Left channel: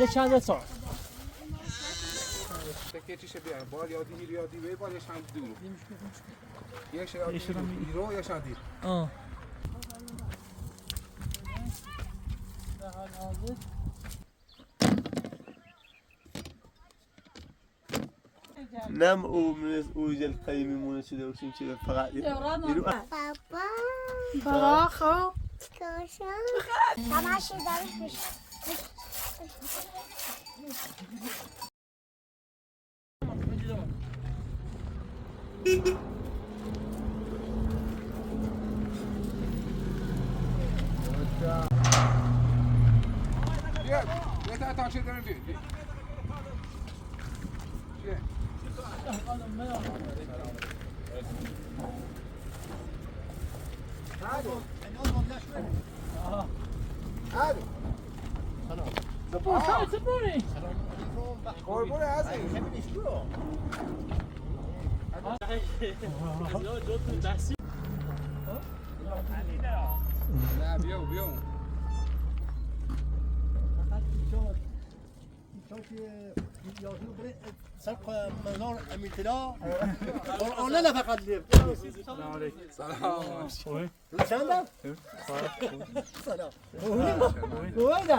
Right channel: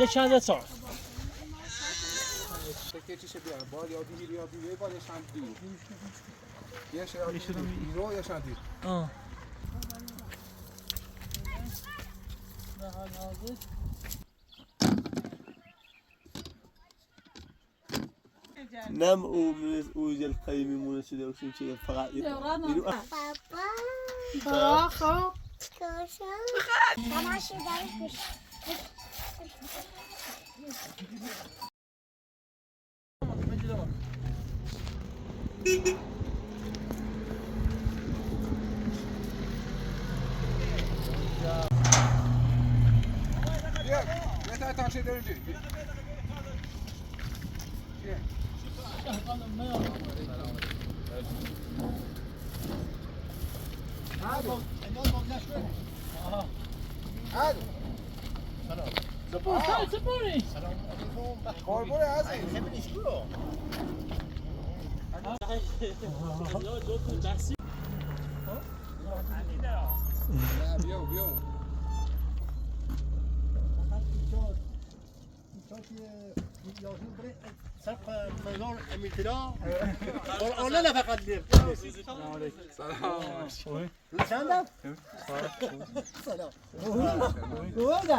یه چند سال تکه چیشه بیار بال یادی به بالش هم دور یه شادی رو یا شادی نم اوج القیمی مناسبه وشون چیه فقط بابا خب تماشی درش یه تا تاشه دارم چی سپوری قربون عزیز نه بیو انا فقط ليه السلام عليكم سلام سلام سلام وين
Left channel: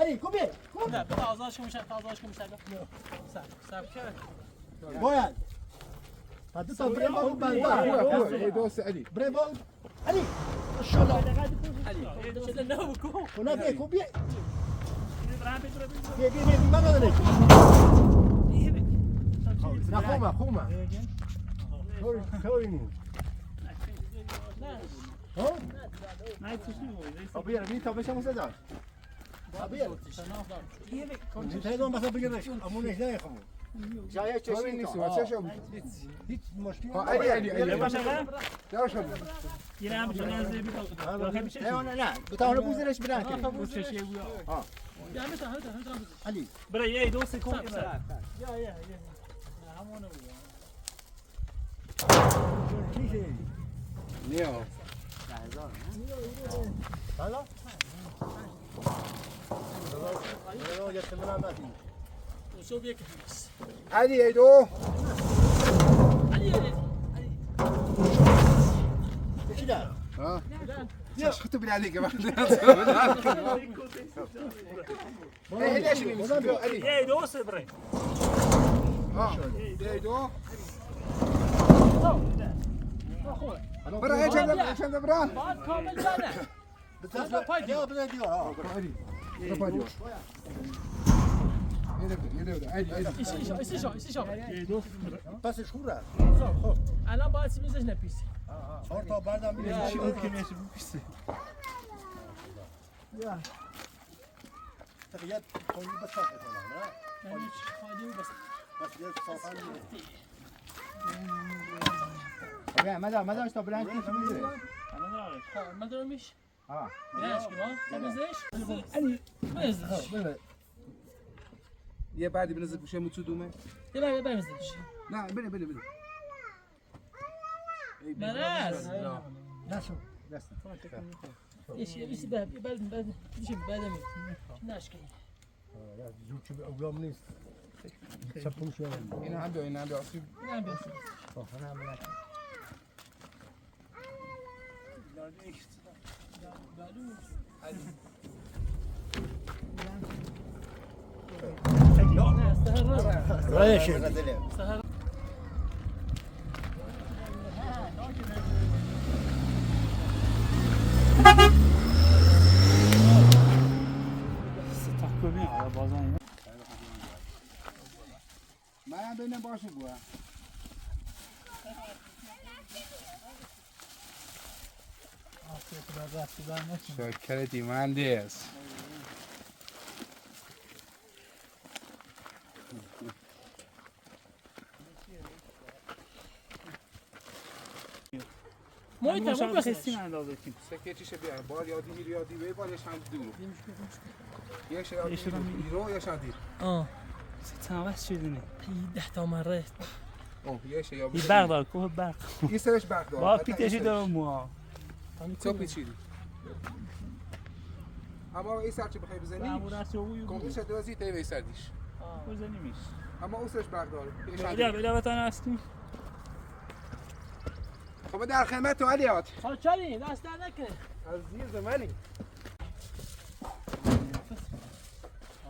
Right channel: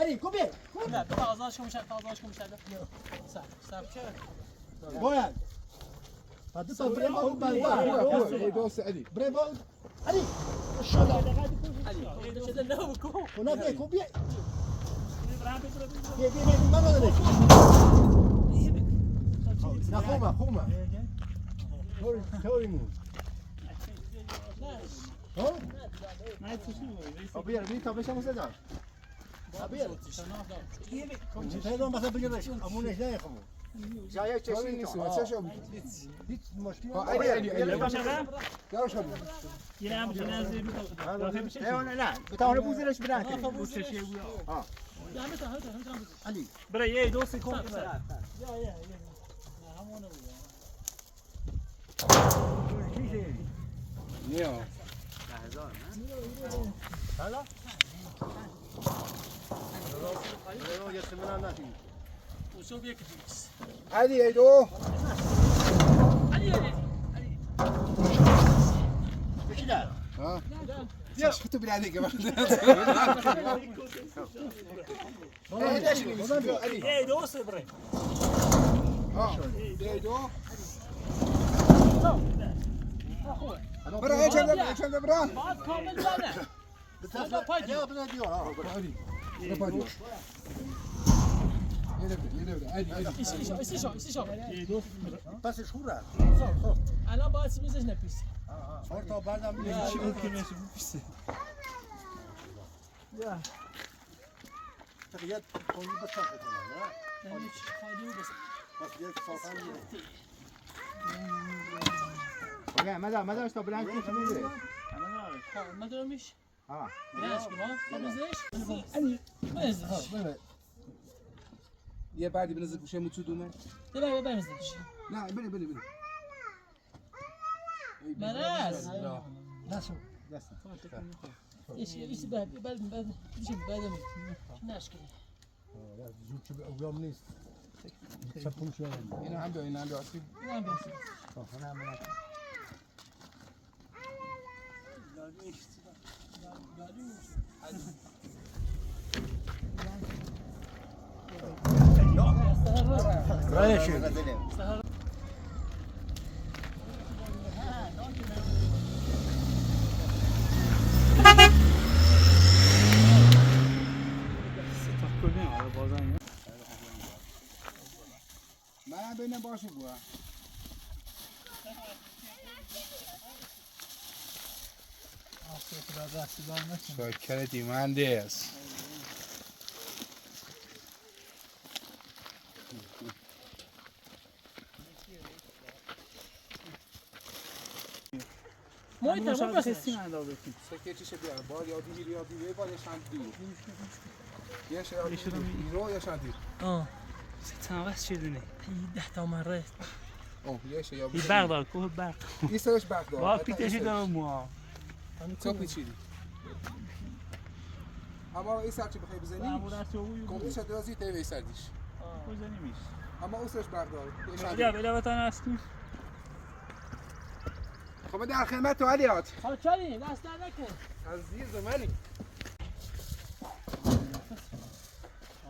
هني كوبي لا تازاشكم سابكه وين هذا تو بريمو هو دوست علي بريمو علي شو لا هناك كوبي بي ما بدك لا خوما توريني ها ابير بي تو بشم صدا ابير كنت هذول مثلا بيقدر امونه جاي خمو جاي تورين نیست واسه شو هیچ مشکلی یا شو یه هم چیزی از نه بتاونه بوزنش برات ها علی برای یه دو سکوند یا همونه چیزی نیو حالا یا تمام نفی شو بيك فيس علي ايدو علي كده ها يا خطو بالله عليك يا علي ايه دو صبري ها ايدو برا ايش هذا برا كامل لا هذا بايدي بدنا ندير علي برا يلا عادي ايش بس شهورة الان باید میزش نپیسی صار تا بعدم چی بود که نپیسی یا تغيير قوي بس لا یعنی چی خالی و بس بس يد صافان لا ماذا مش طبلان كيف ميزه انا ما اعرف ما دارمش ها بلاش كده تمزش اني مزش یه بعدی بنزل بشه متو دومه يلا بمزش نه بله مراز لا شو دست ايش بعد شو بعد ناشكي يا زوج شو اقوم نيست شبون شو اینا هم بیا اینا هم بیا نعم بس انا منك سهر من ببینم باشه بوا شکر مهندس محیط هم بسیسی من لازم سکه چیشه بیار بال یادی به بالش هم دور یه شادی رو یا شادی تناقص شدني 10 مرات اوه یه یا این برق دار کوه برق این سرش برق داره با پیتشی دارم ما تو پیچیدی اما این سر چی بخوای بزنی کمپیوتر درازی تیوی سردیش بزنیمش اما اون سرش برق داره بیا بتان هستی خب در خدمت تو علیات حالا چلی دست در نکن عزیز منی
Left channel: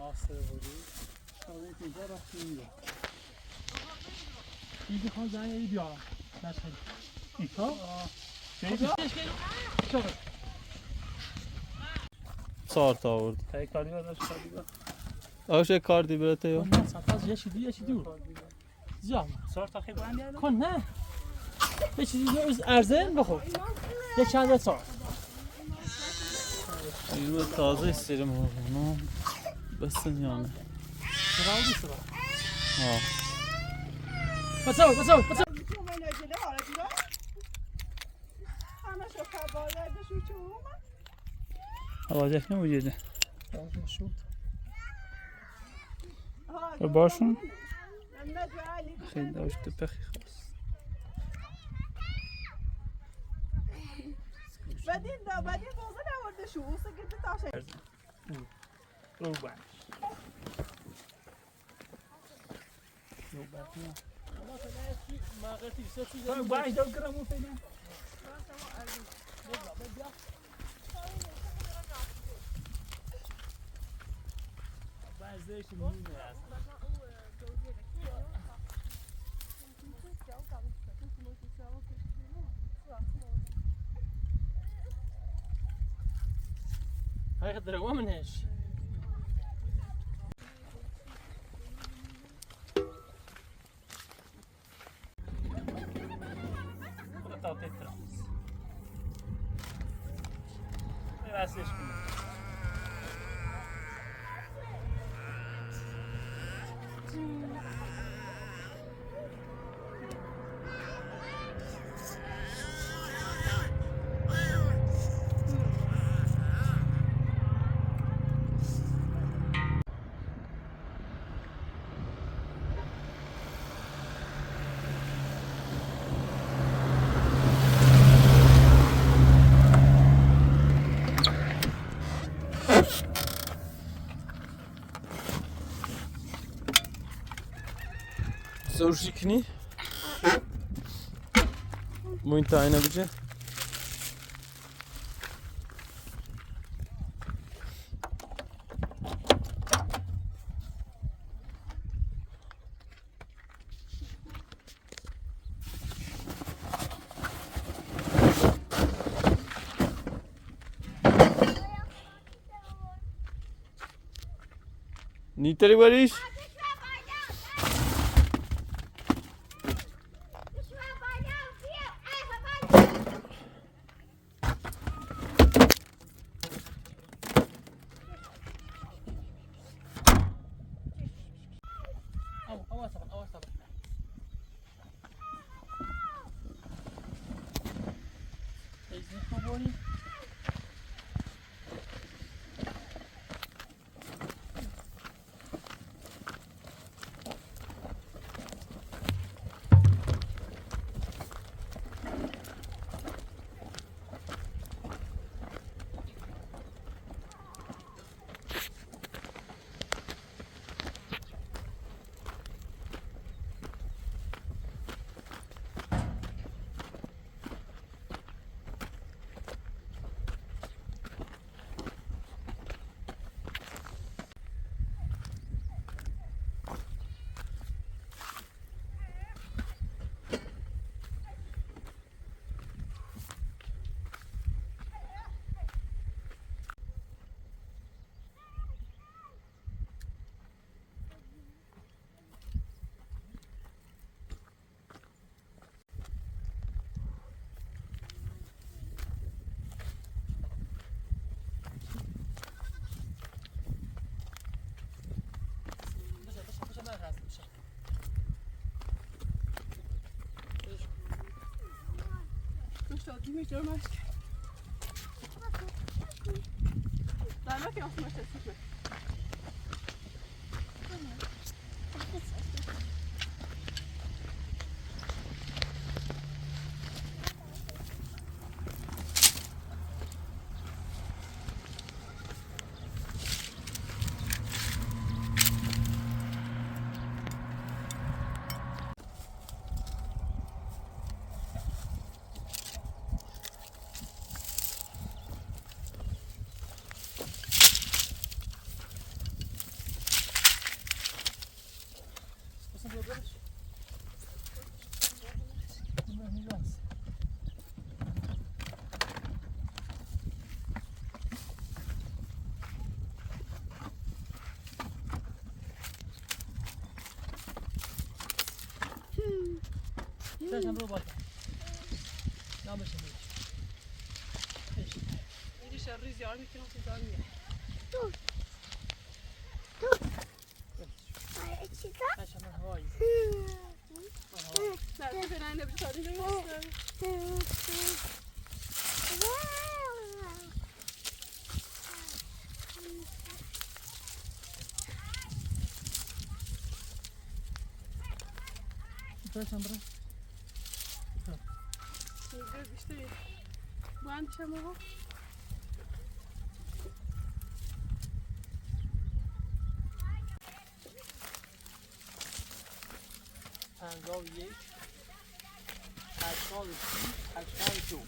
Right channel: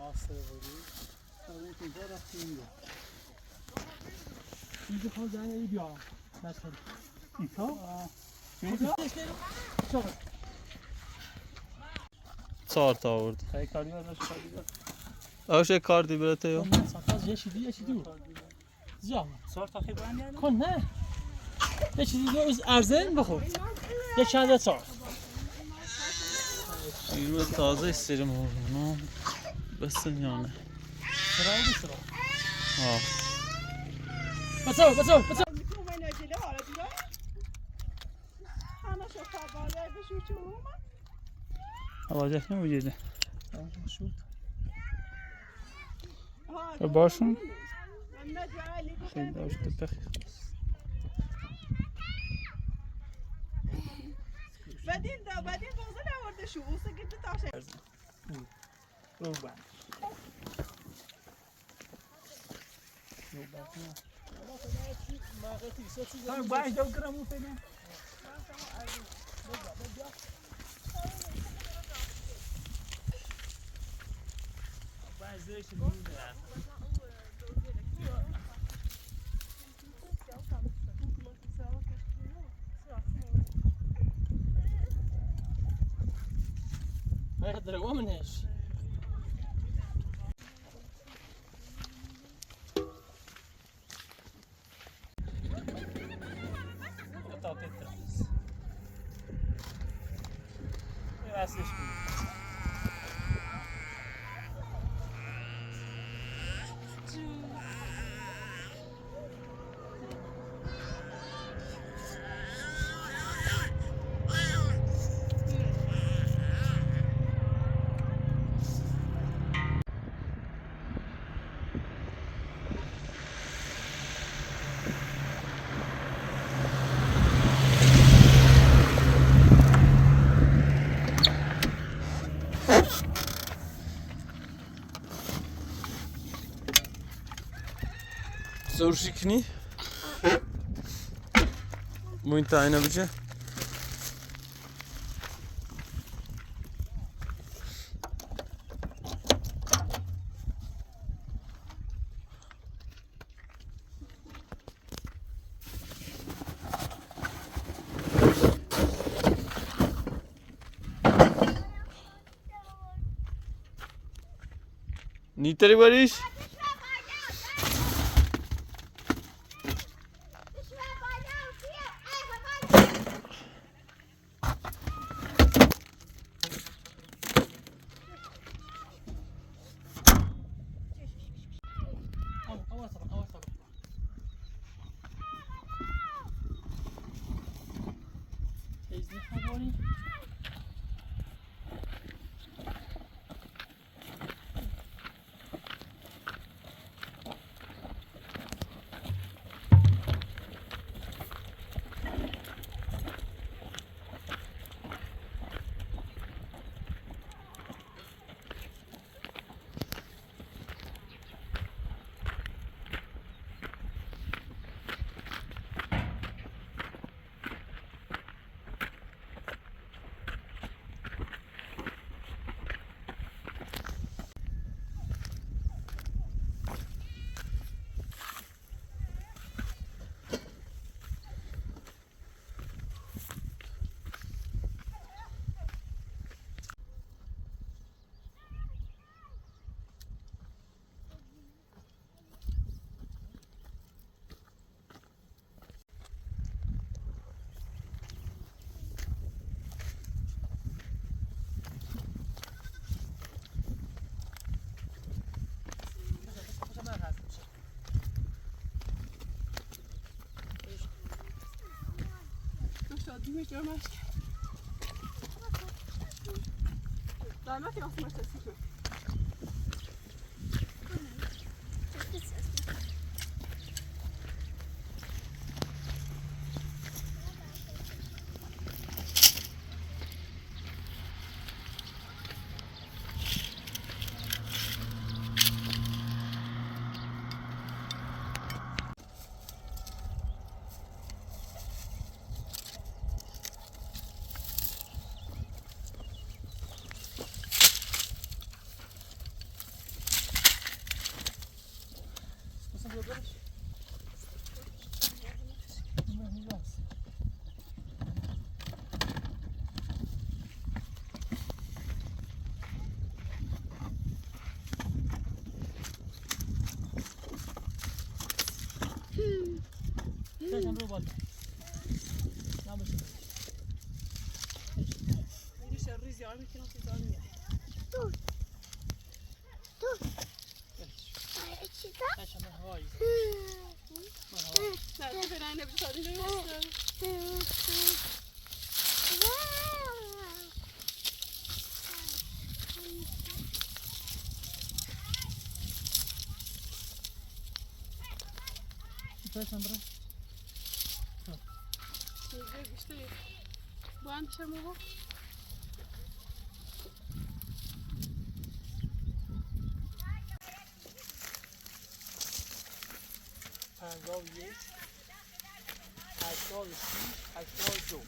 آسه بودی اون اینجا رفتی اینجا این بخوام زنی بیارم بس خیلی ایتا شغل 4 تا آورد خیلی کاری داشت کاری داشت آوش یک کار دی برته یا سپاس یه چیزی دور زیاد 4 تا خیلی بلندی کن نه یه چیزی دور ارزن بخور یه چند سال شیر تازه استریم اونو بس یانه سراغ سراغ ها بچو آوازش نمیده باشون خیلی داشت بخی خواست بعدين بوصل اورد شو سكت تاع رو بند باید دو گرمو فیلم بعضیش میمونه هاي دروا منهاش تعطي الترمس ما يسيش Zor şikni. Muito aynı bize. Niteri Barış. پرچم رو بالا نباشه میری شر زیاد میکنم تو دار میاد پرچم هوایی نه تو برای نبی شادی نمیستم پرچم برو میگه بیشتری با هم پیشم بگو 51 83 82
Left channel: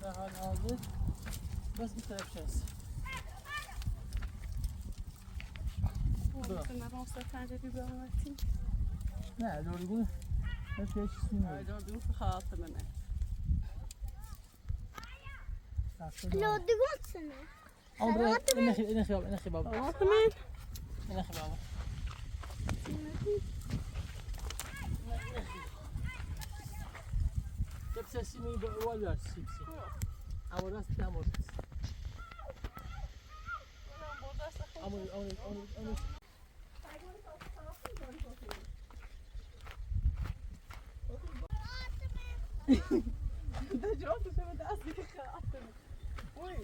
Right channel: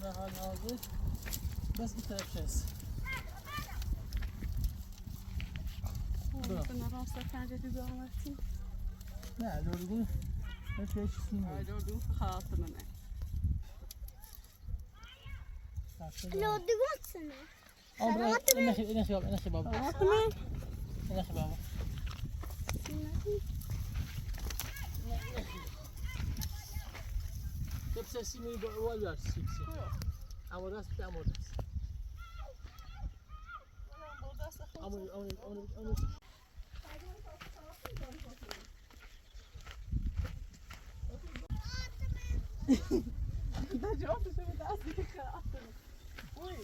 در حال حاضر بس این طرف هست نه دورگون هیچ چیزی نیست لودگون سنه اینخی بابا اینخی بابا Hepsi simini var sipsi. Ama rast tam orada. Ama ده جواب شو داستی که آفتم. وای.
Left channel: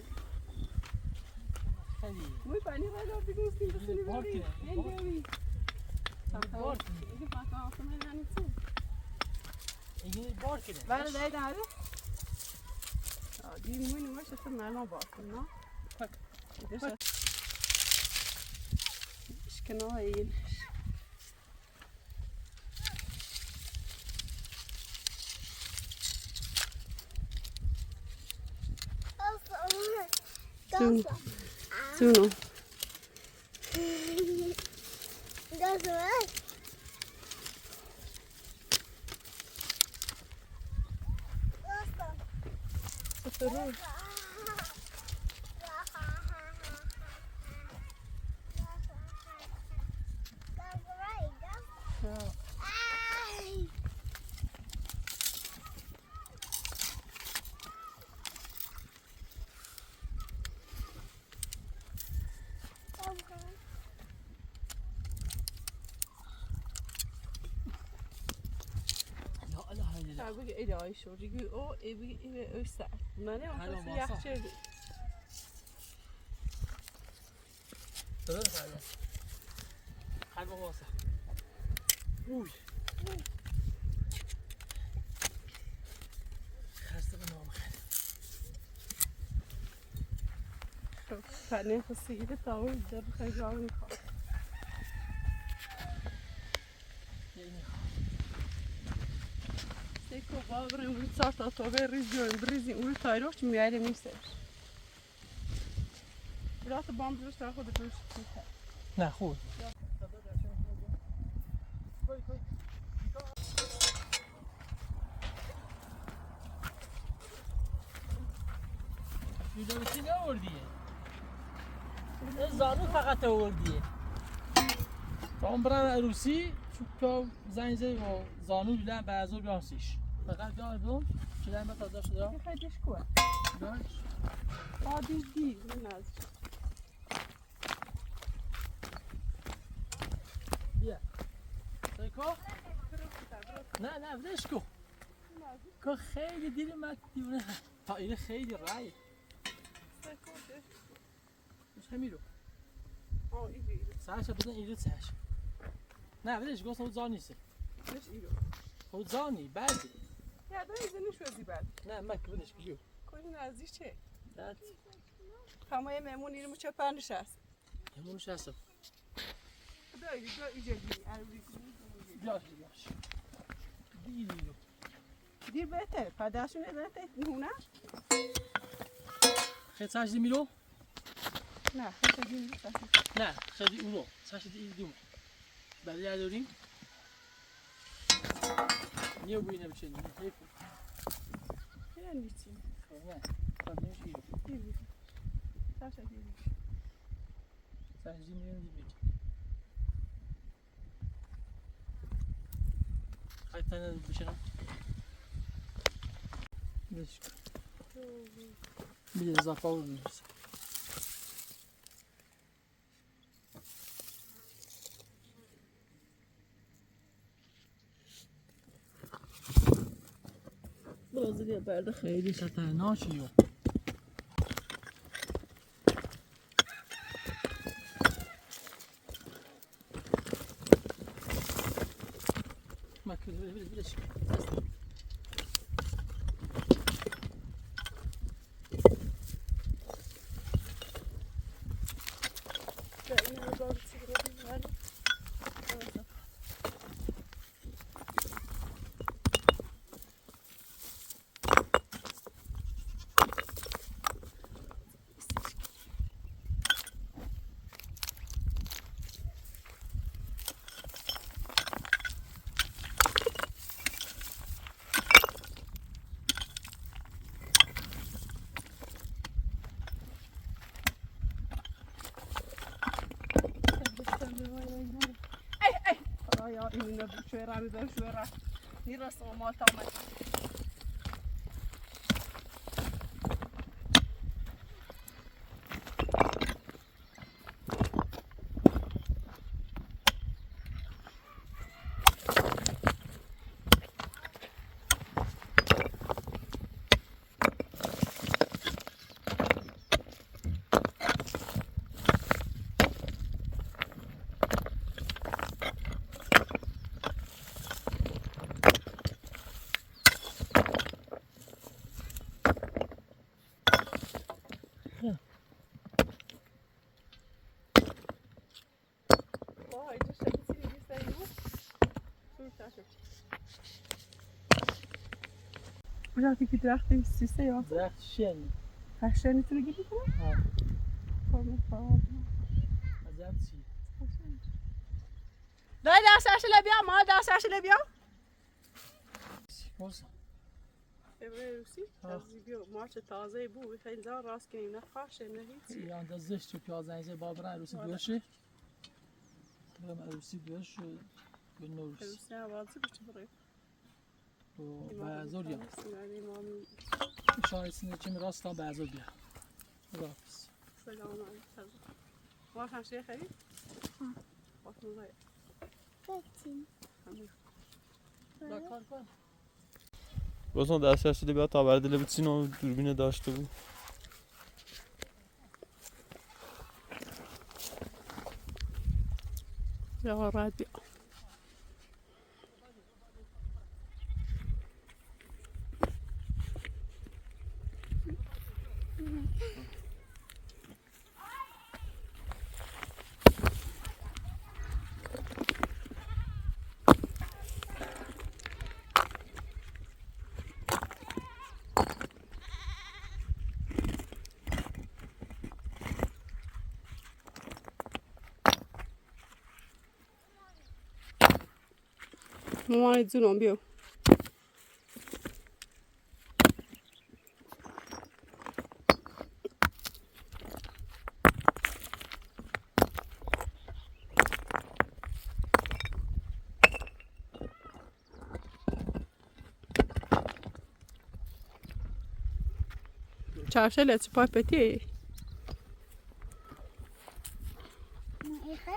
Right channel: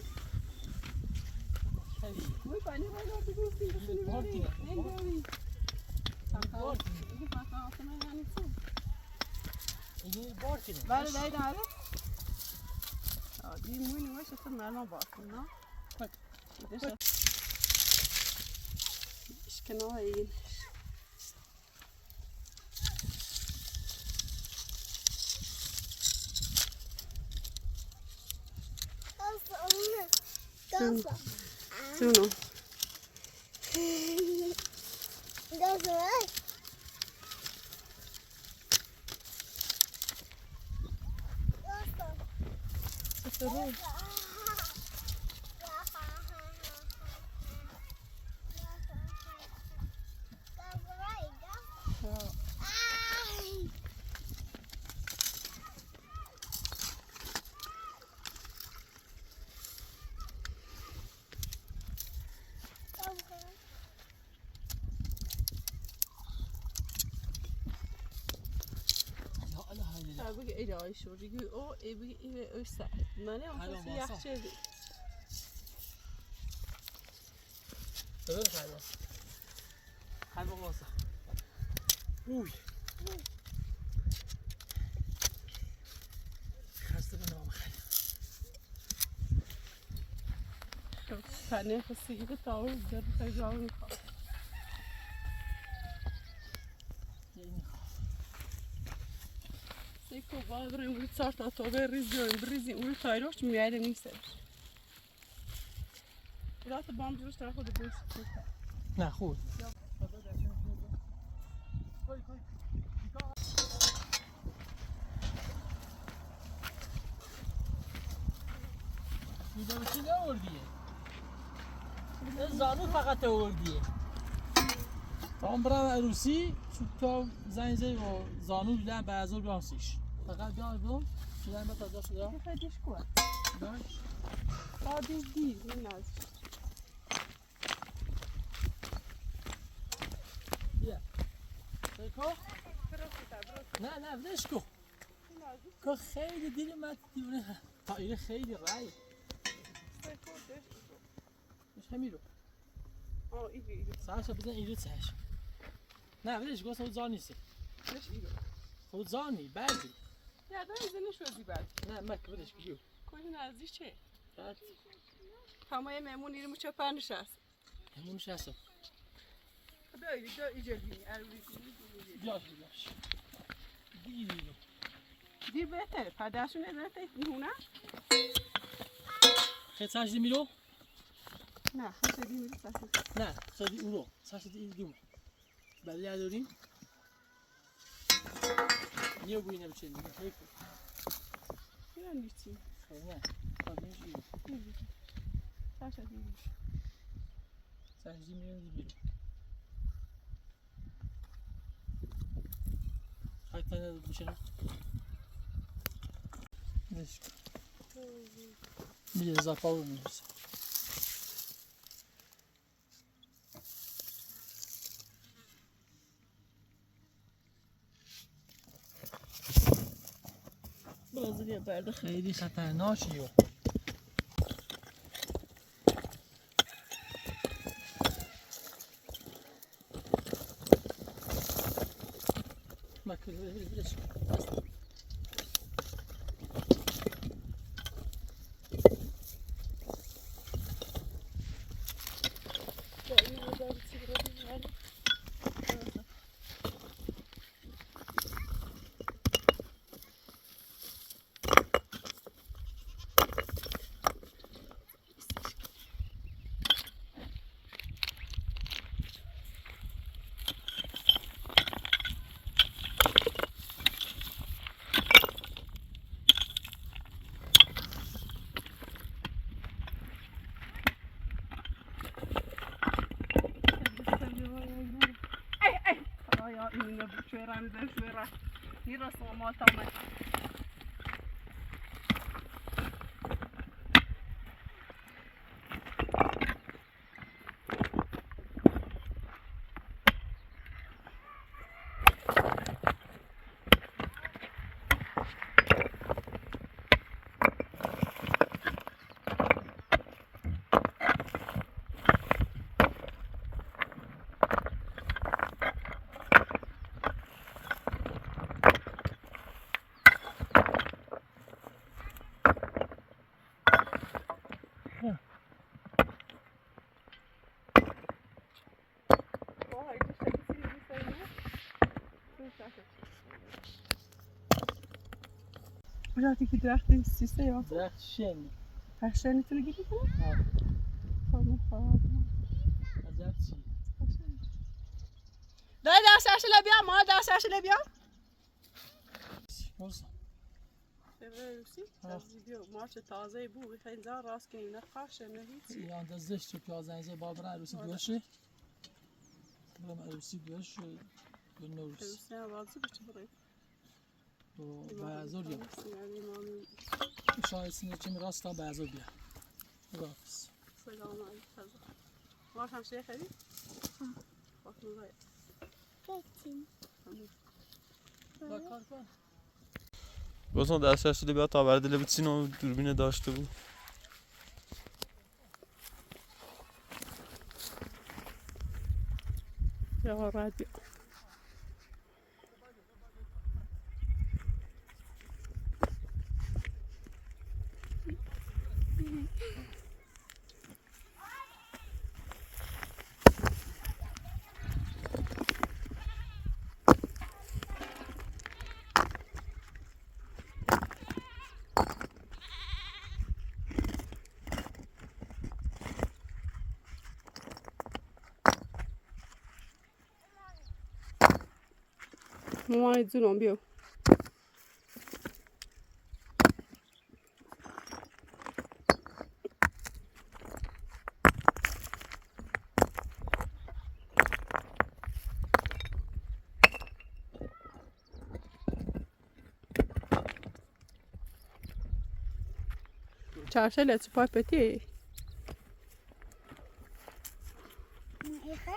خیلی. وای پانی ولی دیگه سینی باری. نمیاری. بار. این فقط آفتم یعنی چی؟ این بار کنه. بله بله داره. دی موی نمیشه خود مرنا بار کنه. خب. اشکنال این. Sino. بگی ایرای شو بگی او بگی او سر منه آخه یخ چه درست آیا هر واسه اوی خسته بنام پنه خسیگی تاول در خیلی میخواد سیکو باقرم بود سر تا به ریزی اون تایروش میاره نیست رات باند روش طرف خود روش نه خوب ویدئویی نوردیه زانو فقط آوردیه تا برم عروسی تا زنگ زدی و زانو بیدن به ازور بیانسیش فقط بیان شدن به تازه شده که خیلیش کوه داشت عادی دی این از بیا سیکو نه بدش کو که خیلی دیری من دیونه تا اینه خیلی رای مش همیرو سرش بدن ایرو سرش نه بدش گوست خود زان نیسته خود زانی بردی یا داری زنش وزی بعد نه مک بدش کجیو کجی نزدیک چه؟ بعد همه مهمون ایرمو چه پنش هست همونش هستم دایی ایجادی بیاش دیدی دی بهتر پدرشون نداره نه خیلی سرش دی میرو نه خیلی نه خیلی اون رو سرش دی دوم بعدی داریم یه بوی نمیچینی حیف یعنی چی؟ نه خودش یه نمی‌دونم. باشه دیگه. سنجی میون حتی بشنم نشک بیه اضافه رو میرسه برازیلیا برده خیلی خطرناکیه مکل بلش این رو دارد سیگرا بیماری. Ja, in de bushwera, in de bushwera. Hier is allemaal tammen. Vay, dus heb ik het niet gezien. Zo staat het. Ja, die gedacht is سیسه یا درخت شن هشته نیتونه گیری کنه؟ ها خانم خواهد عجب چی دای دستش لبیا ما دستش لبیا بازم روسی مارچ تازه بود خیلی راست که نه خاشه نه هیچی یا اندازش تو پیازنجه بابرا عروسی دوشه برم عروسی دوش و دو نوروز روسی هم وازی بچه برای و بعضور یا امامی شاید سینه چند راست هم بعضور بیا خداحافظ سلام علیکم ما هم شیخ خیلی؟ خاطر باید بچین کار کن گفتم دستش شده بیا تا برده لبتسین و دوربین داشته بود یا راحت بیا مامانت زنم بیو چارشله چی پای پتی ایخه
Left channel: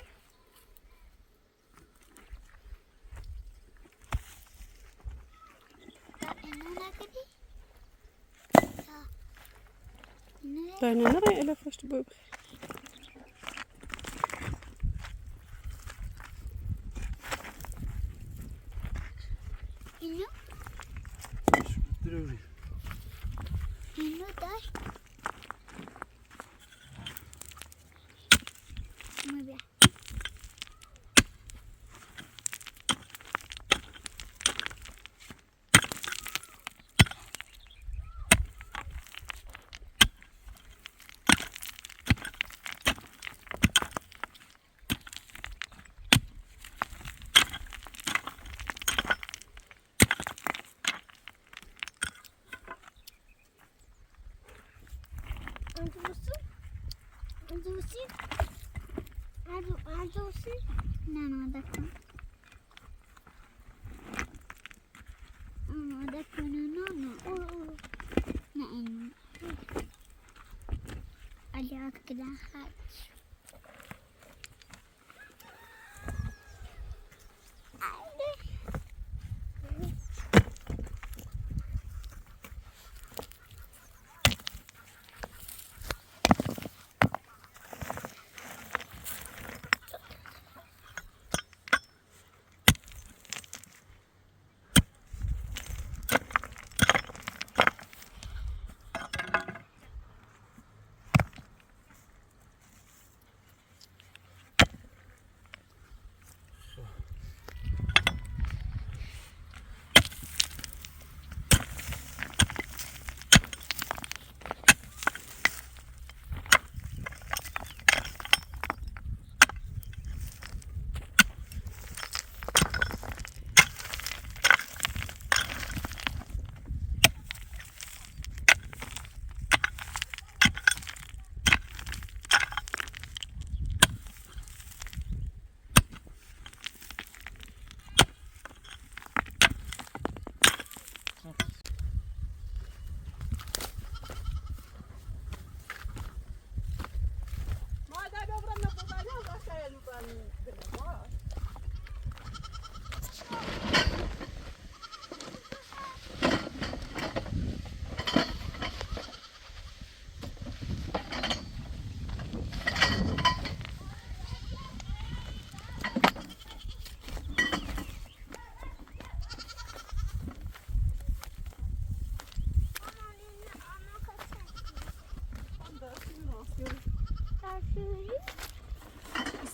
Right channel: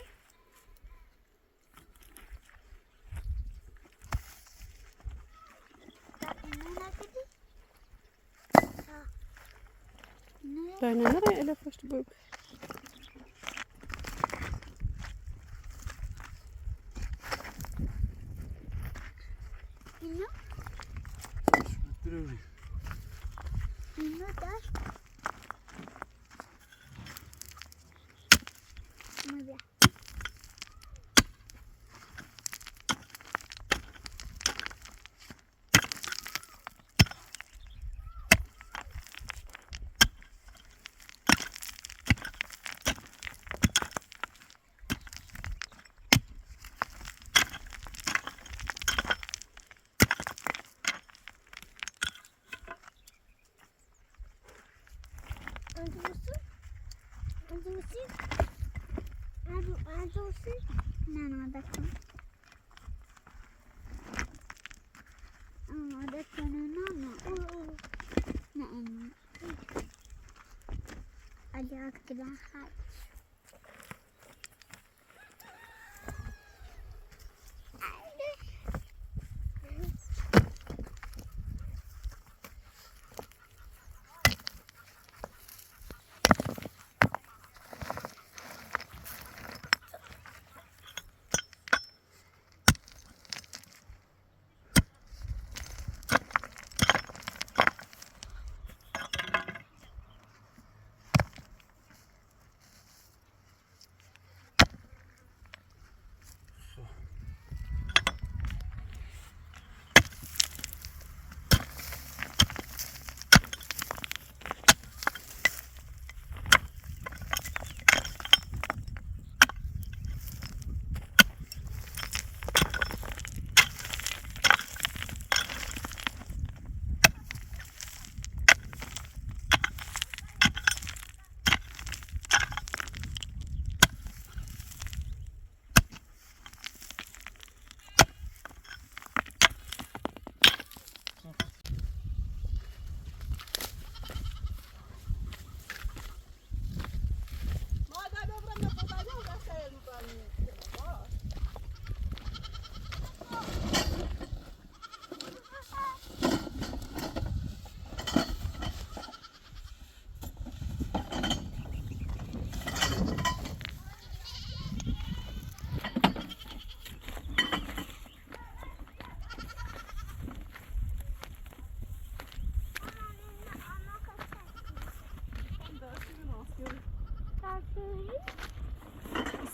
اینو نکردی؟ دای نه نره اله پشت بو اینو ضروری اینو داشت اینو بیا عجوزي نعم دكتور دكتور نعم أجاك كده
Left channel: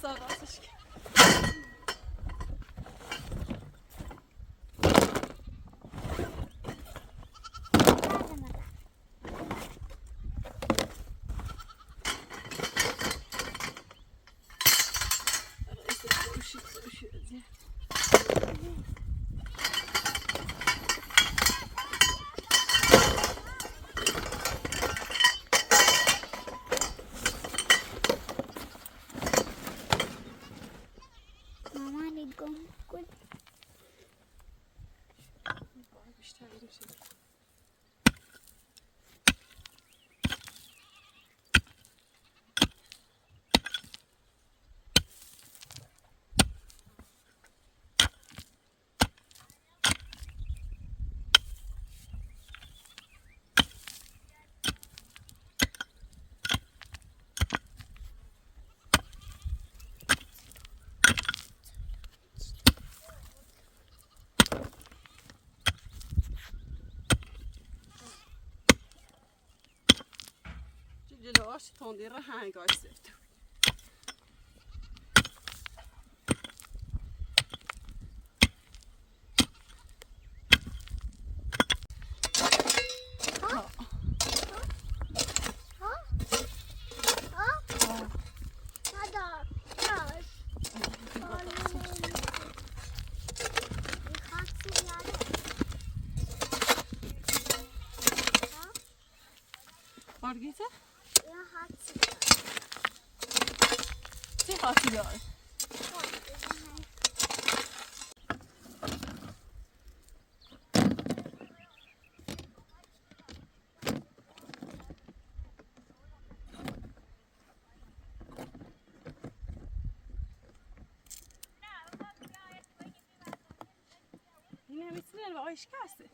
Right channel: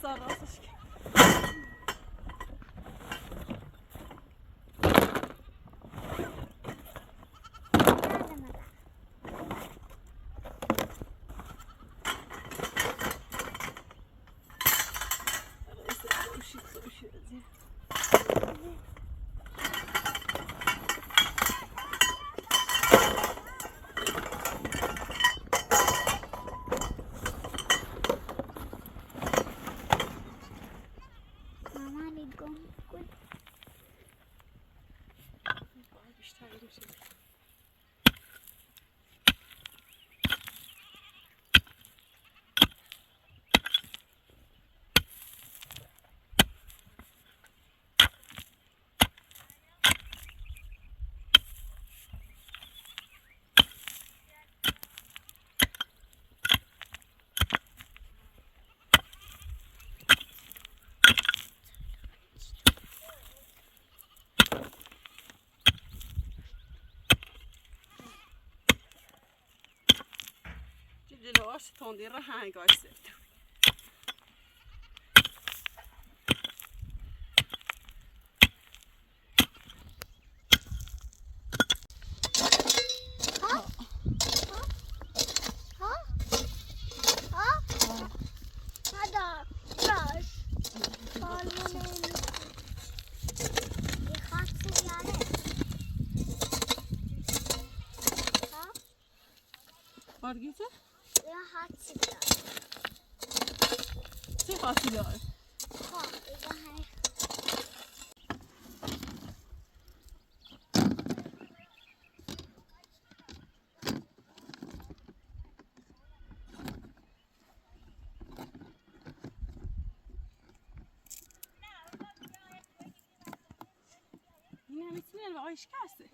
Sağ راستش جلوش تندی را هنگاش سفت Margita? Jag har چی خاطی دار؟ این هم میتونه با آیش کسته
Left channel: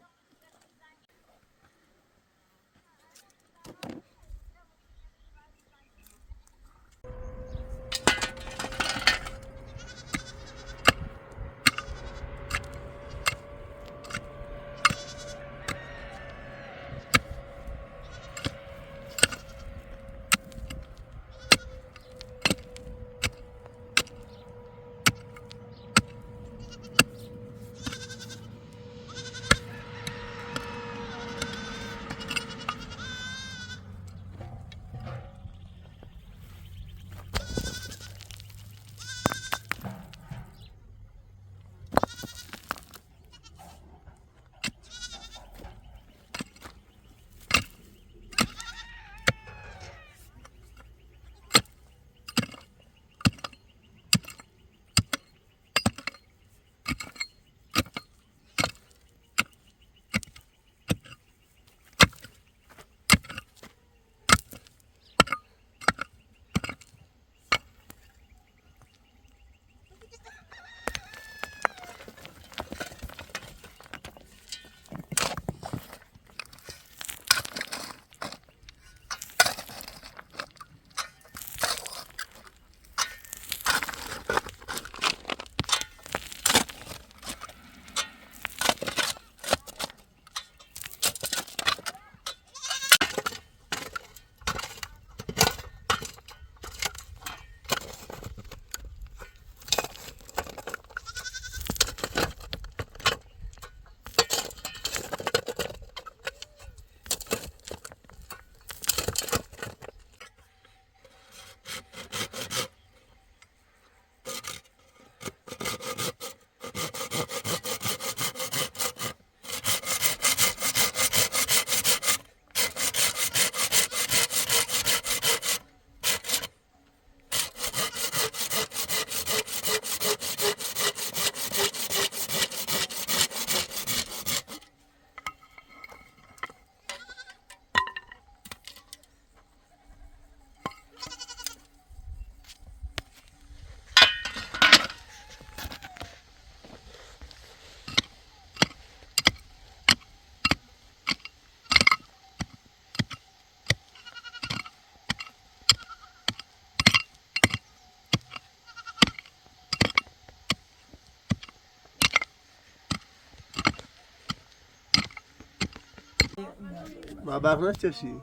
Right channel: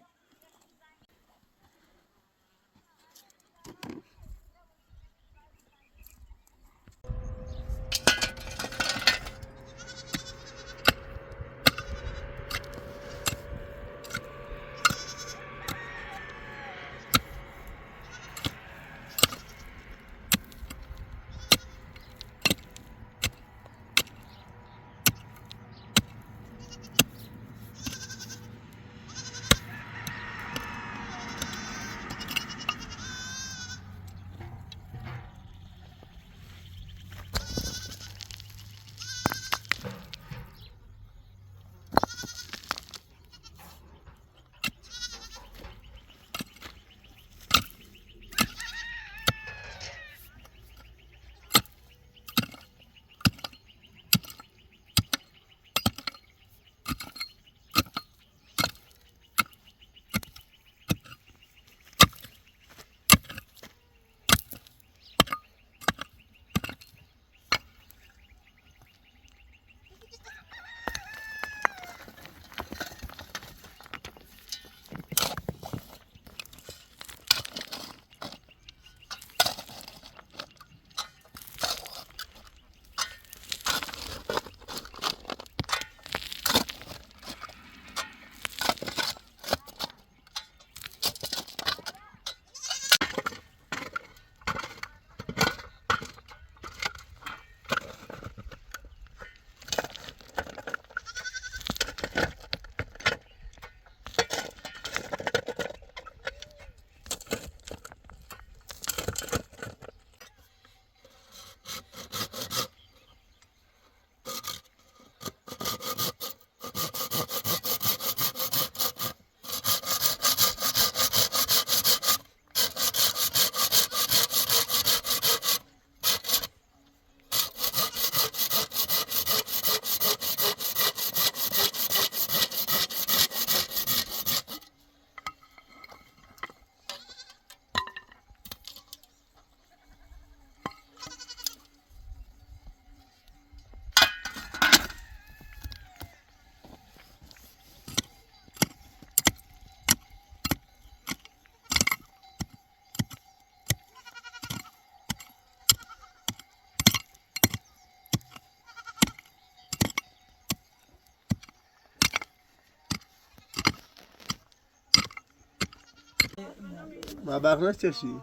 ما بقنه چشی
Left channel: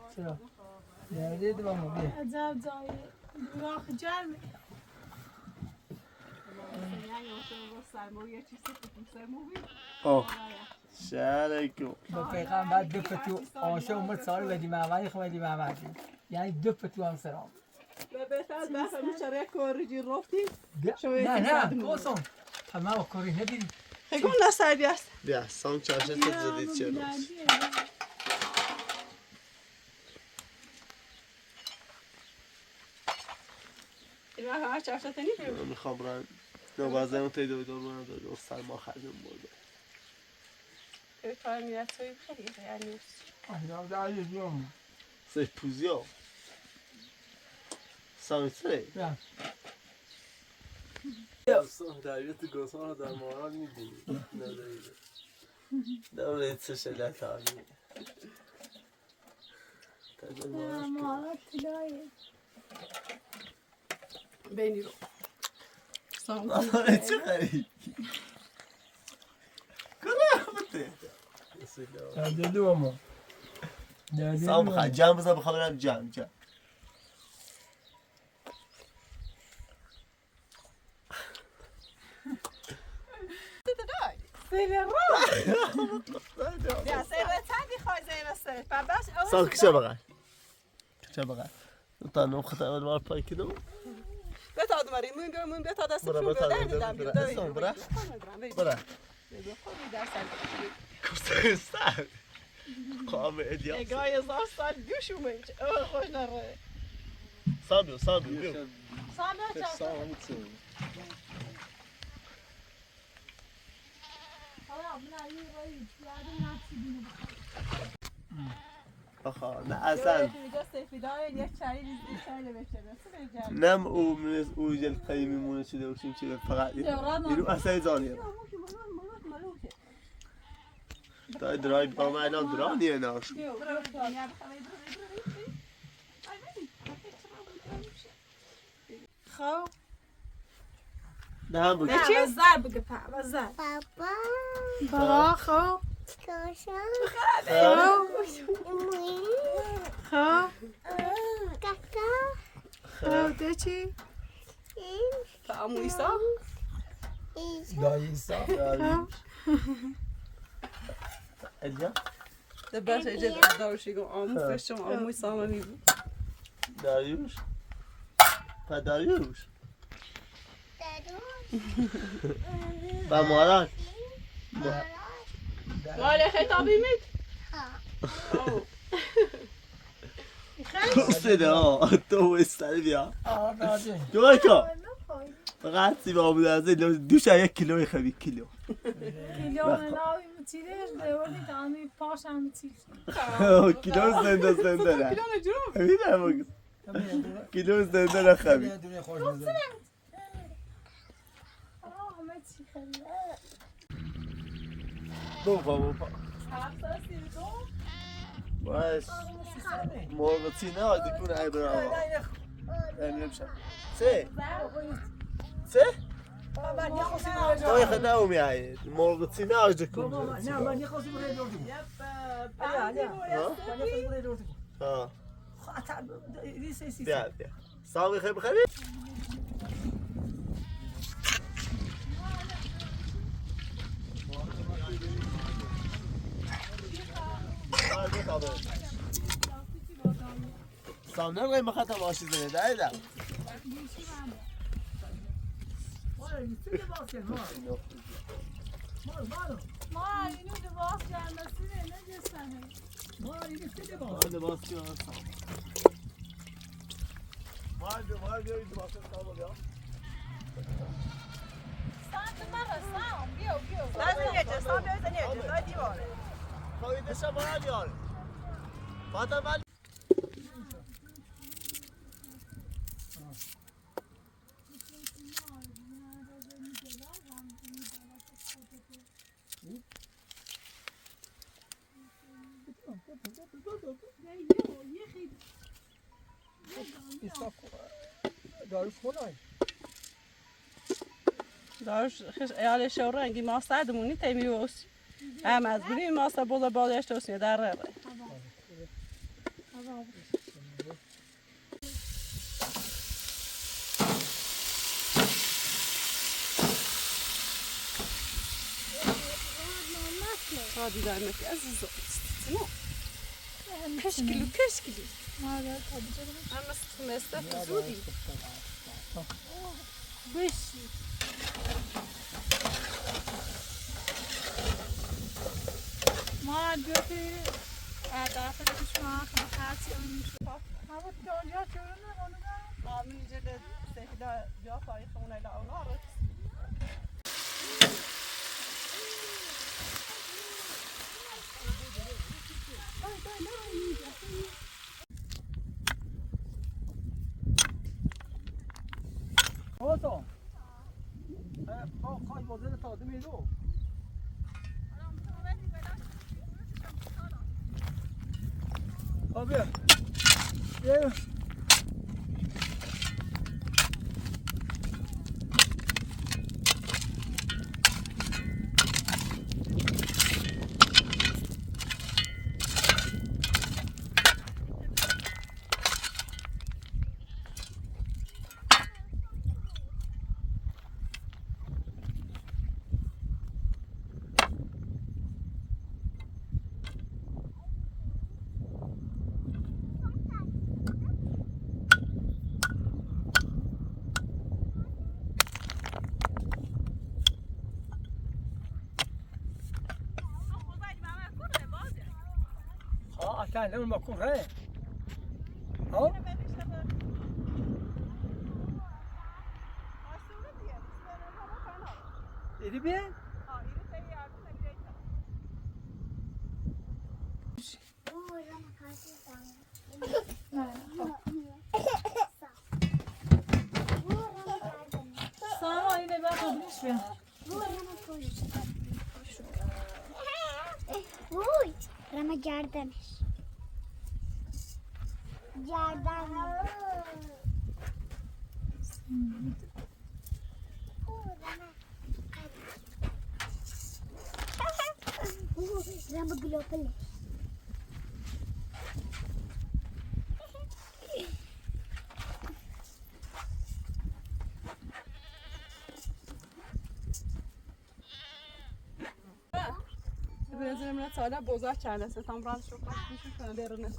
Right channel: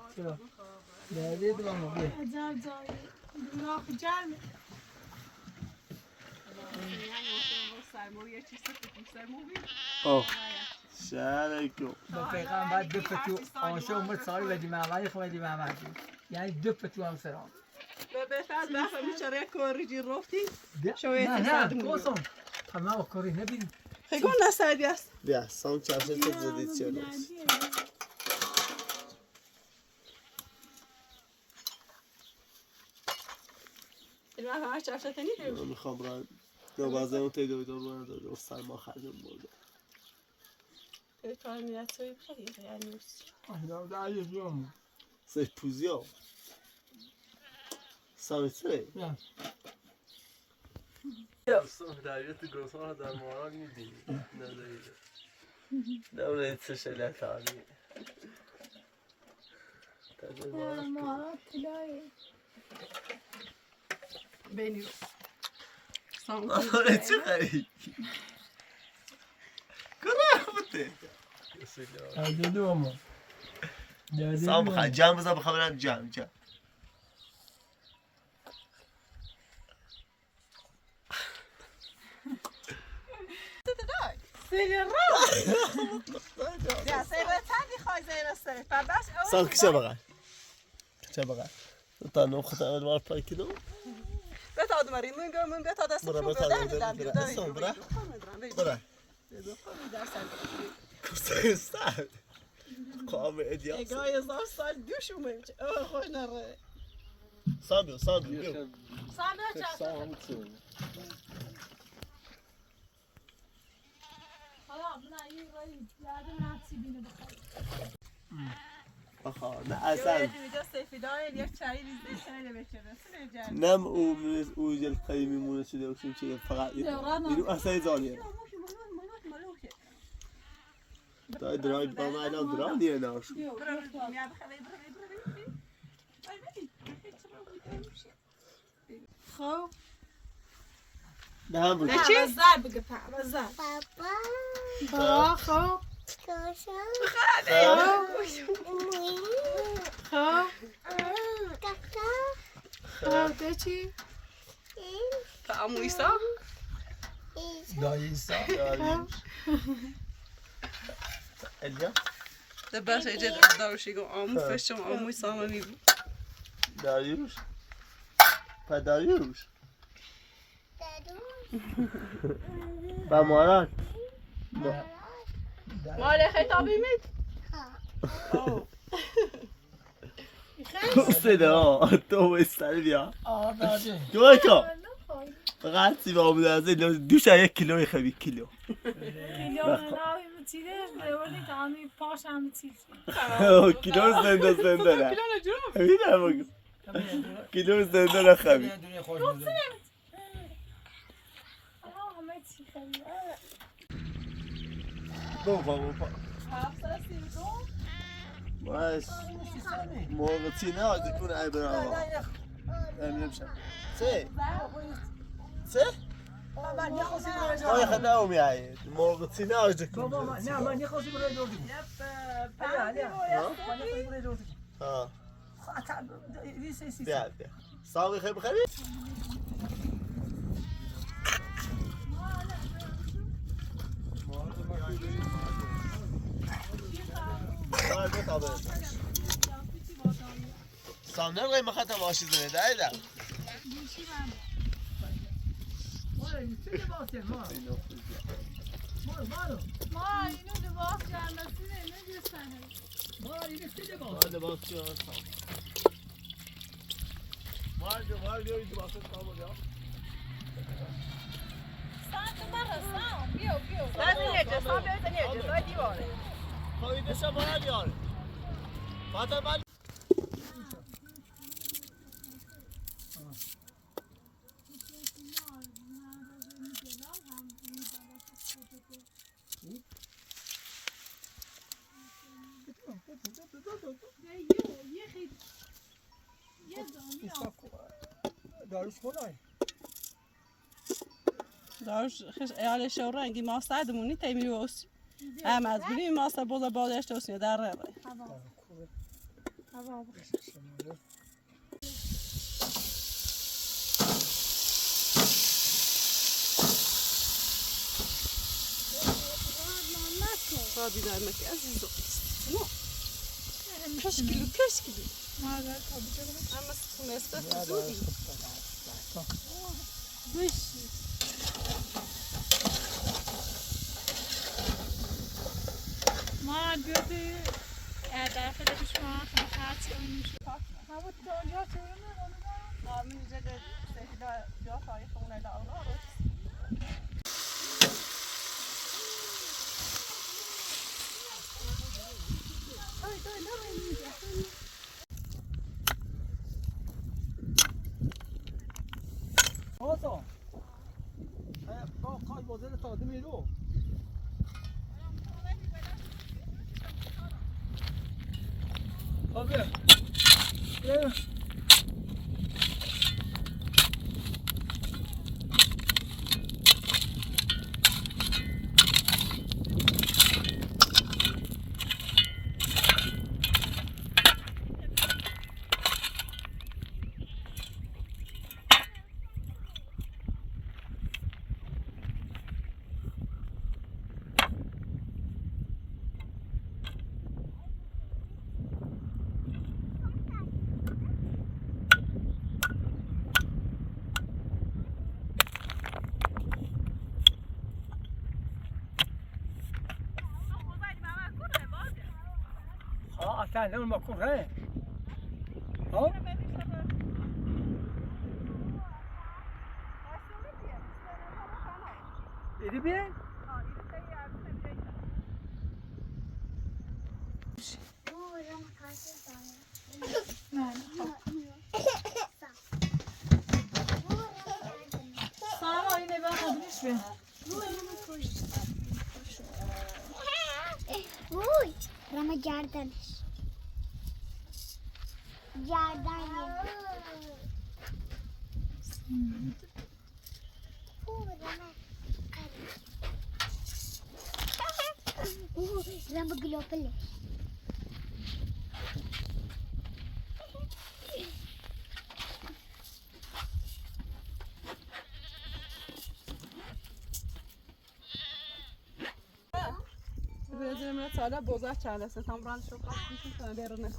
داری دوام بیا عجب جایی دورا جمع آه شارکو با پیغمبر دو پتو آنسه اومد سال بدی محمدی خودی محمدی یعنی دو پتو هم سرام بهتر بحث بیچاره کوریجی رفتیم نه کوسوم ما کوری ندیدیم خیلی نسایدی است بیا سام چاشه تو زدید چه روز این همه چاشته نیدیم من میخوام برم نوازه اون تیدو بدون دو سرما خردم بردم کار میاد توی خیلی یعنی آهدام داری بیام سه پوزیا سامی سه نه رویت گوسان در مارال میدونی نداریده نمونه چه شلت آنی ما طلایه بینی رو آره چه خری کنه بوده دادی دوام دادی سام بخواه جمع بزن بخواه برم جمع سیل را سیل تندی خواهی زیر سیل سام کشه بغل کشه بغل تا نو خطا اول مار پای کدو بتا دماری من بتا دست برا برا سام برا برا کسته استاد قام ادیاس اگای زار سال دوشو منج او خوش نره صادو بیو سامنا چاست آخا نه اصلا نم او جل قیمی مونه شده باشیم چه فقط اینو اصلا زانیه دای درای با ما الان درانیه ناش خب نه هم بگه چی؟ زر بگه پا زر بابا با خب کوشم خب کاکا خب ده چی؟ تا ایسا دایسا الیا ده باشه ایجاد داروشی گو آمو فشم آموی سامه میبود داریوش داریوش با ماران ولی خیتابی مید صدا تو استر بیا دادی دوی که فقط سیما بود از این دوش یک کیلوی خبی کیلو ناوی بچیده دولی تانی پاش هم چیز کیلو زنده نه همینه بگو کیلو زنده نه خبی دنیا خوش می‌ذاره همه چی خیلی بابا باش مرغ تینه آدی کنه ای برای آقا امیم شد سه ما یخد نومی هاید مرغ تینه آدی کنه نه من نخواستی برای دوردیم علیا من نخواستی برای دوردیم ها سی بیا ساقی خیلی بخیری سامنه قیمه خطا باشی زنه دایدم داروش خدای داروش خیش ایال شورنگی ماستر دمونی تیمی ووسی هم از بری ماستر بودا بالشت وسی در راه هوا Hadi vermek aziz olsun. Keşkili. Evet, hadi canım. Ama mesle fuzuli. Beşi. ما بیادی دفعه پیش ما خواهد اونش هوا جا چونه اونو Amin cele sehla ya tarihi ona da avlar. Kolsoom. Kay bozda tadı mıydı o? Abi. Gel. Sen de olmak kurre. Ha? İri bir? ساما اینه بیا خودش بیا Uy, rama gerdeniz. Rama global. Benzerimle hala bozar çaresi. Tam buranın çok bakmışım sana derine.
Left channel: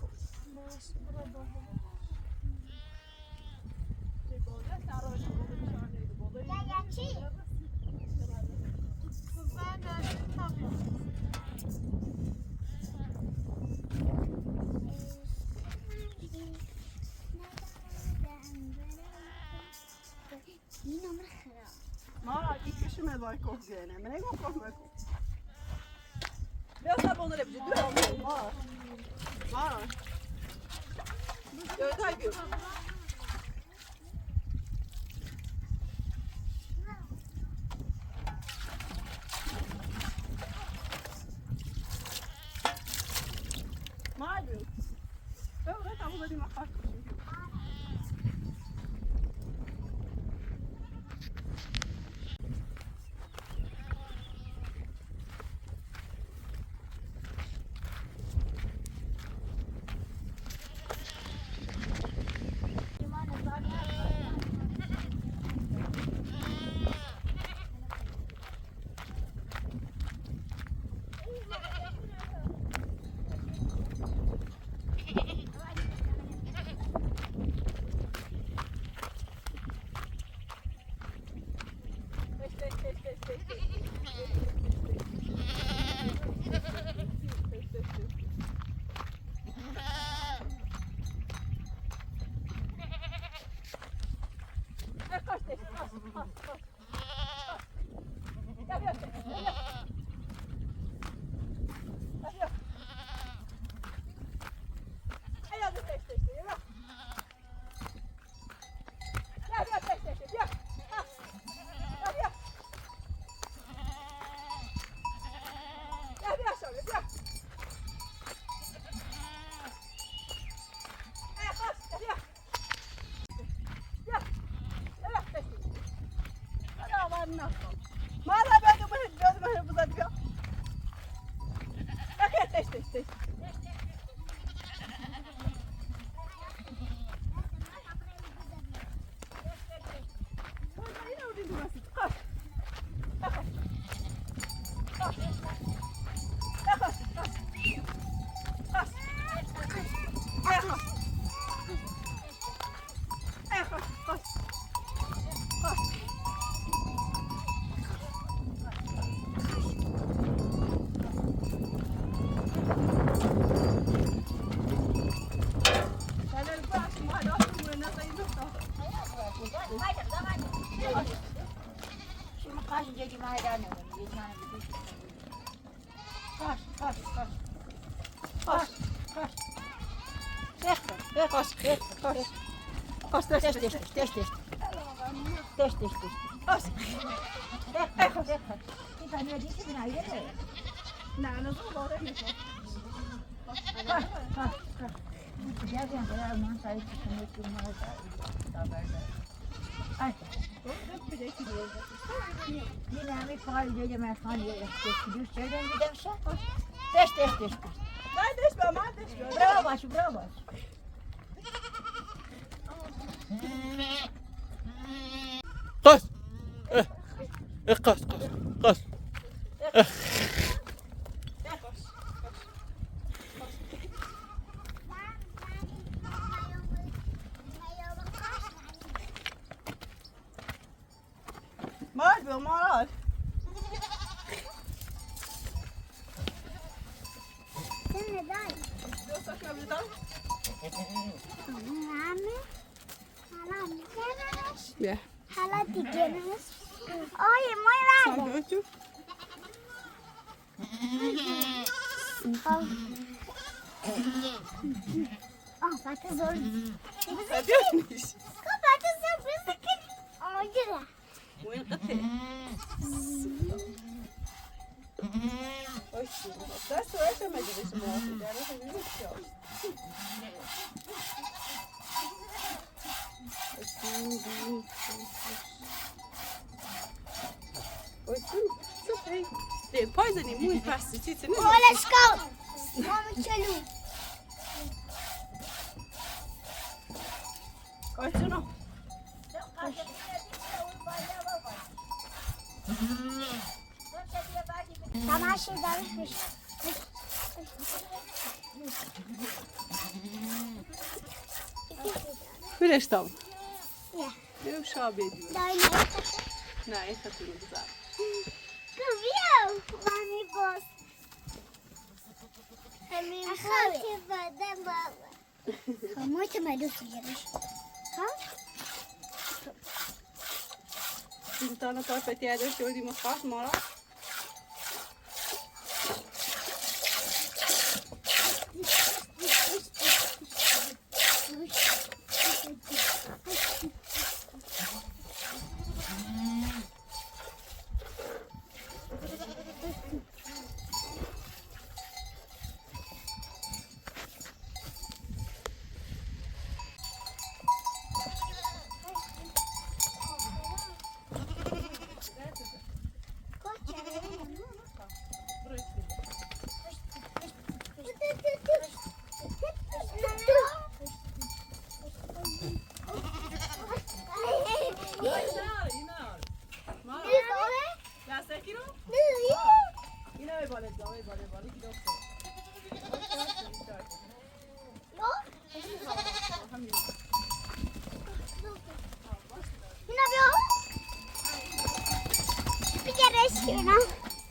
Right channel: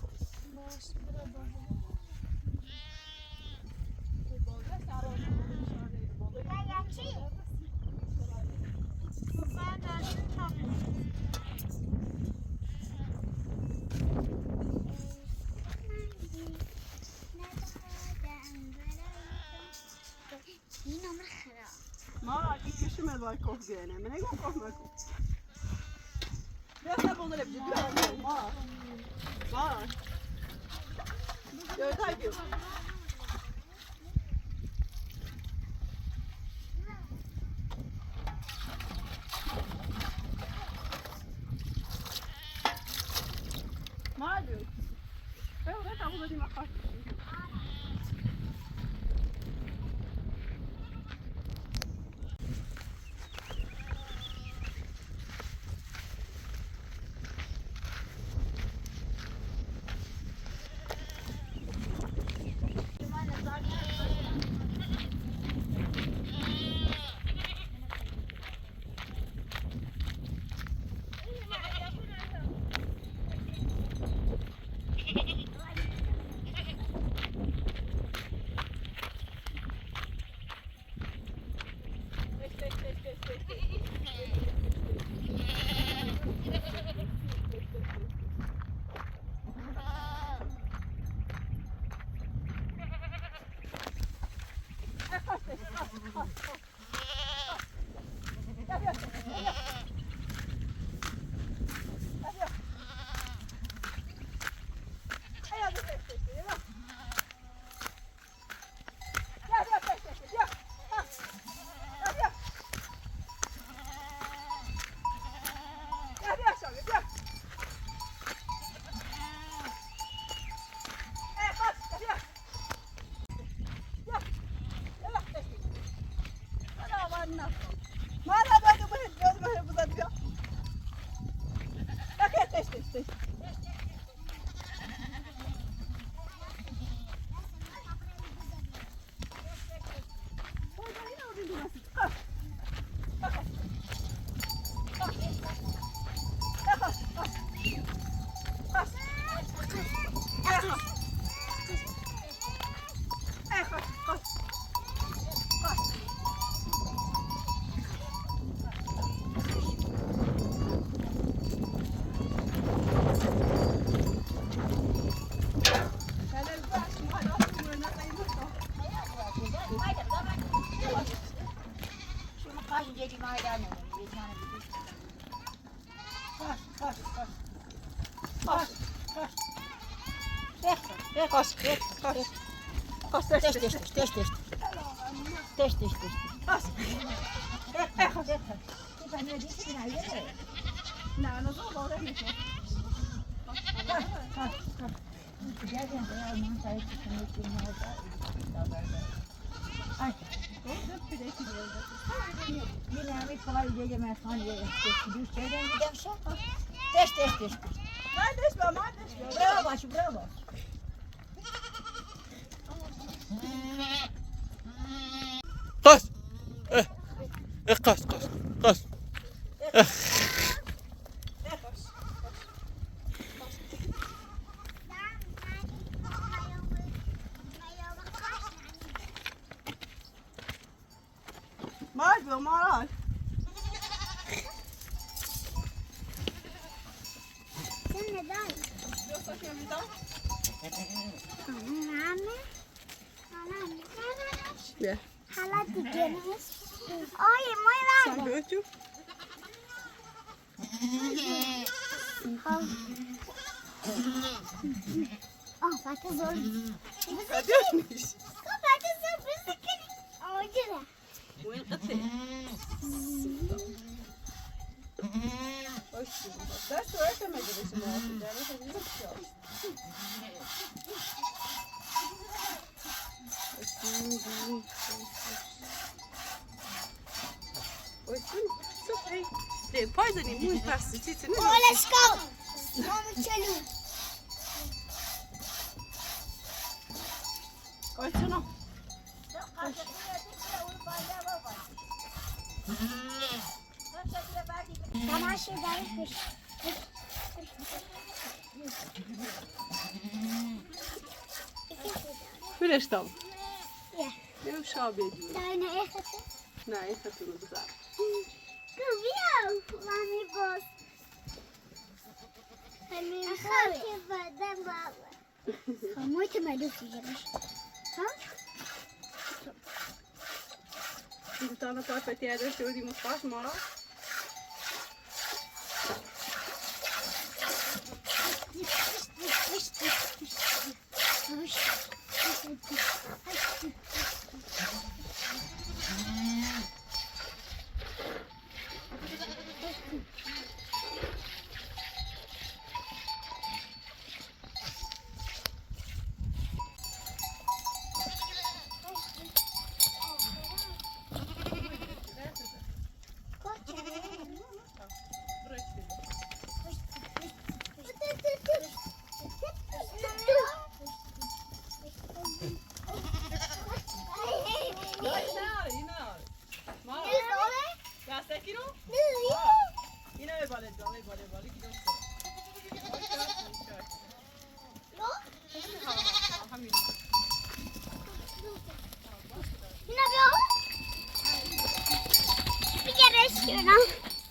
ما gitmişim mezay kork gene. Ne korkmak? Biraz da bunları bir ciddi olma. Var. Ya tabii. Malum. Ben orada tam da dimak var. قص قص قص مال بیا مال سنة داي دوستك نمیدم همه حالا میکنش بیا حالا دیگه نست آی موی برگو دوستو بطه زور نیست بطه زور بزکن آجره وين قطعي دست وقت ما جبش موافق داره خیلی ده پایزنی موی پرسی چیزی نه let's go ماما چلو کارتونو تماشا داری خوش میرش دام یه یه شابه داری نه این خطونه بزار بیا مامی باز همین خواهی بدم بابا خموی تو مدو فیرش ها این تانا پاپتی اداشته بودیم خواست ما را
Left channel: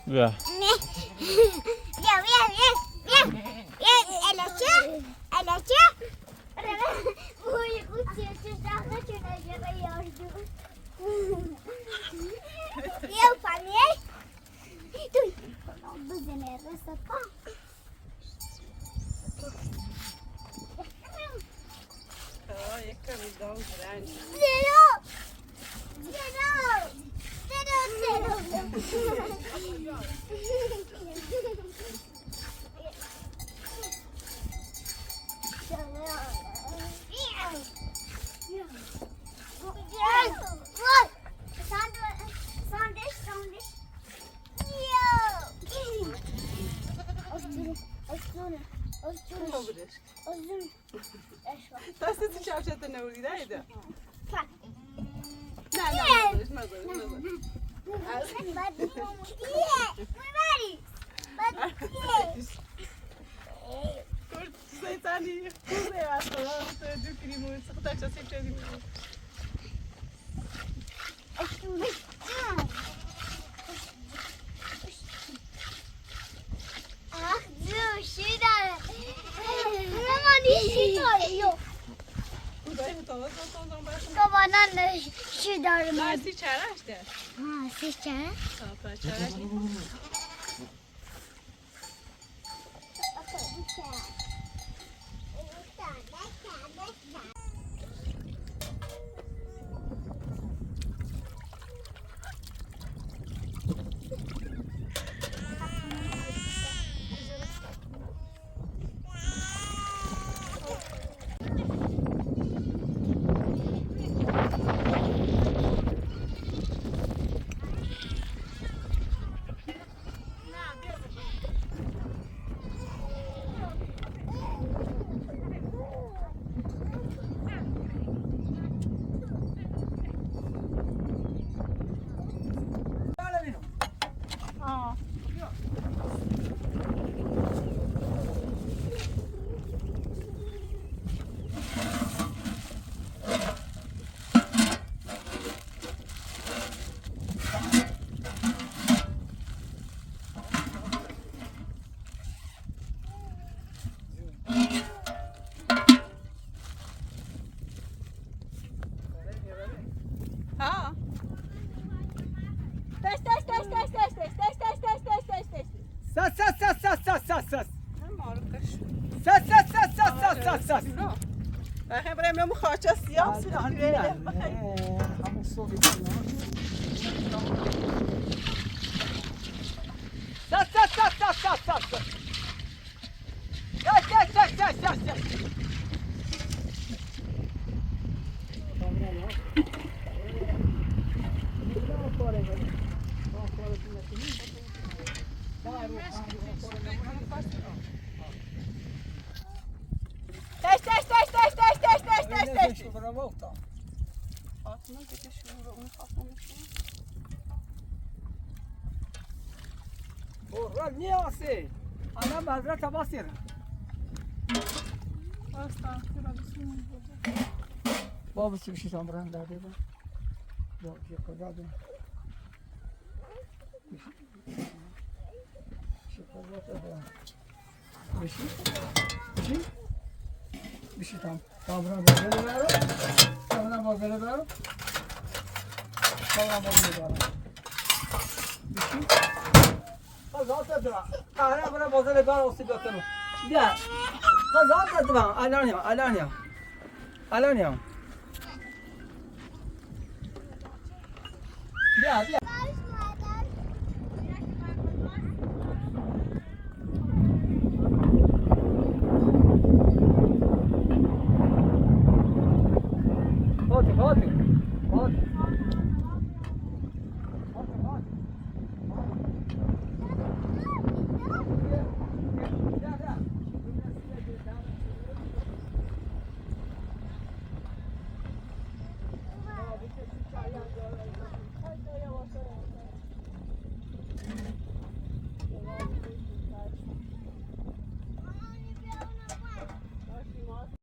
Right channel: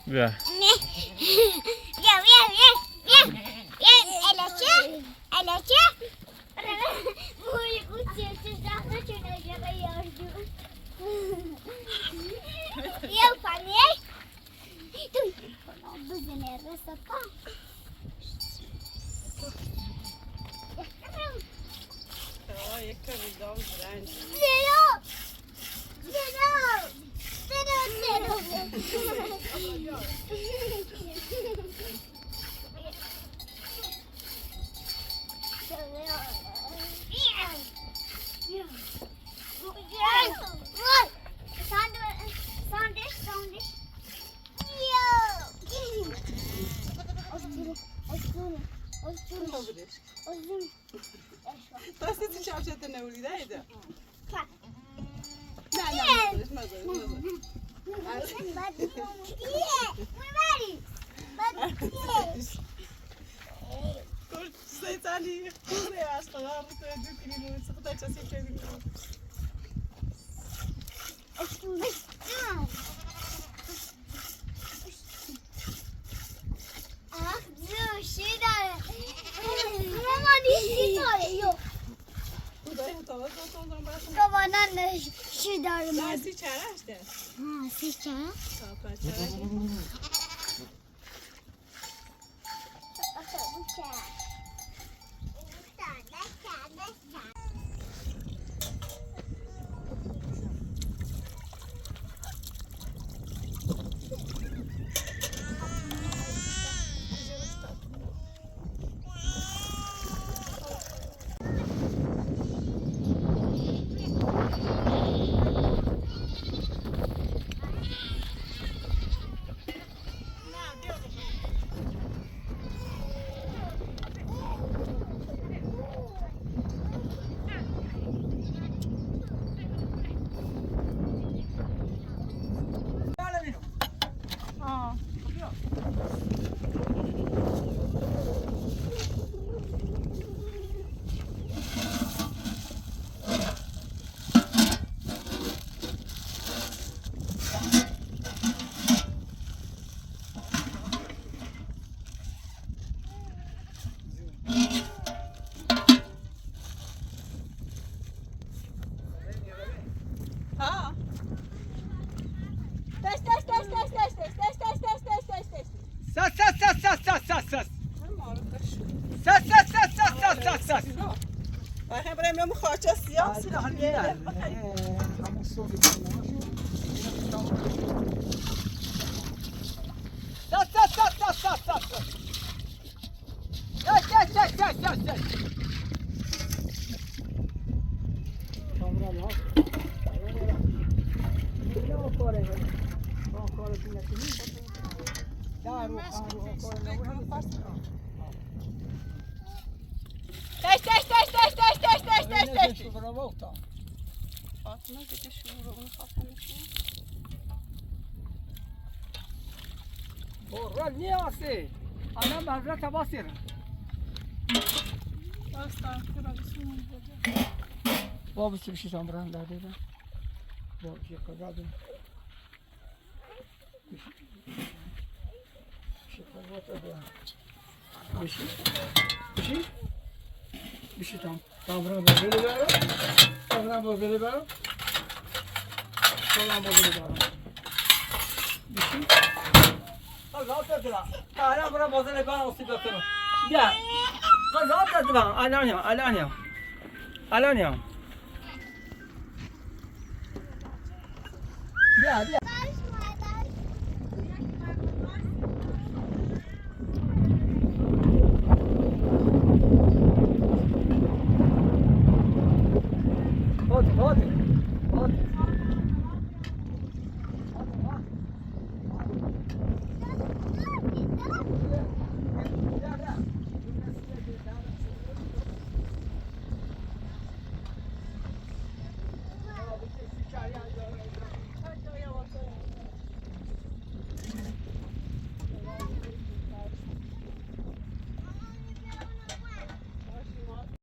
بیا دستتی شبشت نوریده ایده نه سیتانی خوبه از خدا دو کلیمو سخت چسی چه دیگه Babadan şu darım. Dersi çare işte. Ha, siz çare? Tamam, çare. Çare. ساس آخه برای من خواهچه سیاه سیخیره همون صوفی فاطمه دیگه شروع اون خواستم برو نیاسه انا مزرعه تباسیر بابا چی بشی سامران داده با بابا چی کجا دادم بشی تام سامران بازه ببرو سامران بازه ببرو سامران بازه ببرو بشی قضاوت دادم الان برای بازه ببرو سی بکنم بیا قضاوت دادم الان بیا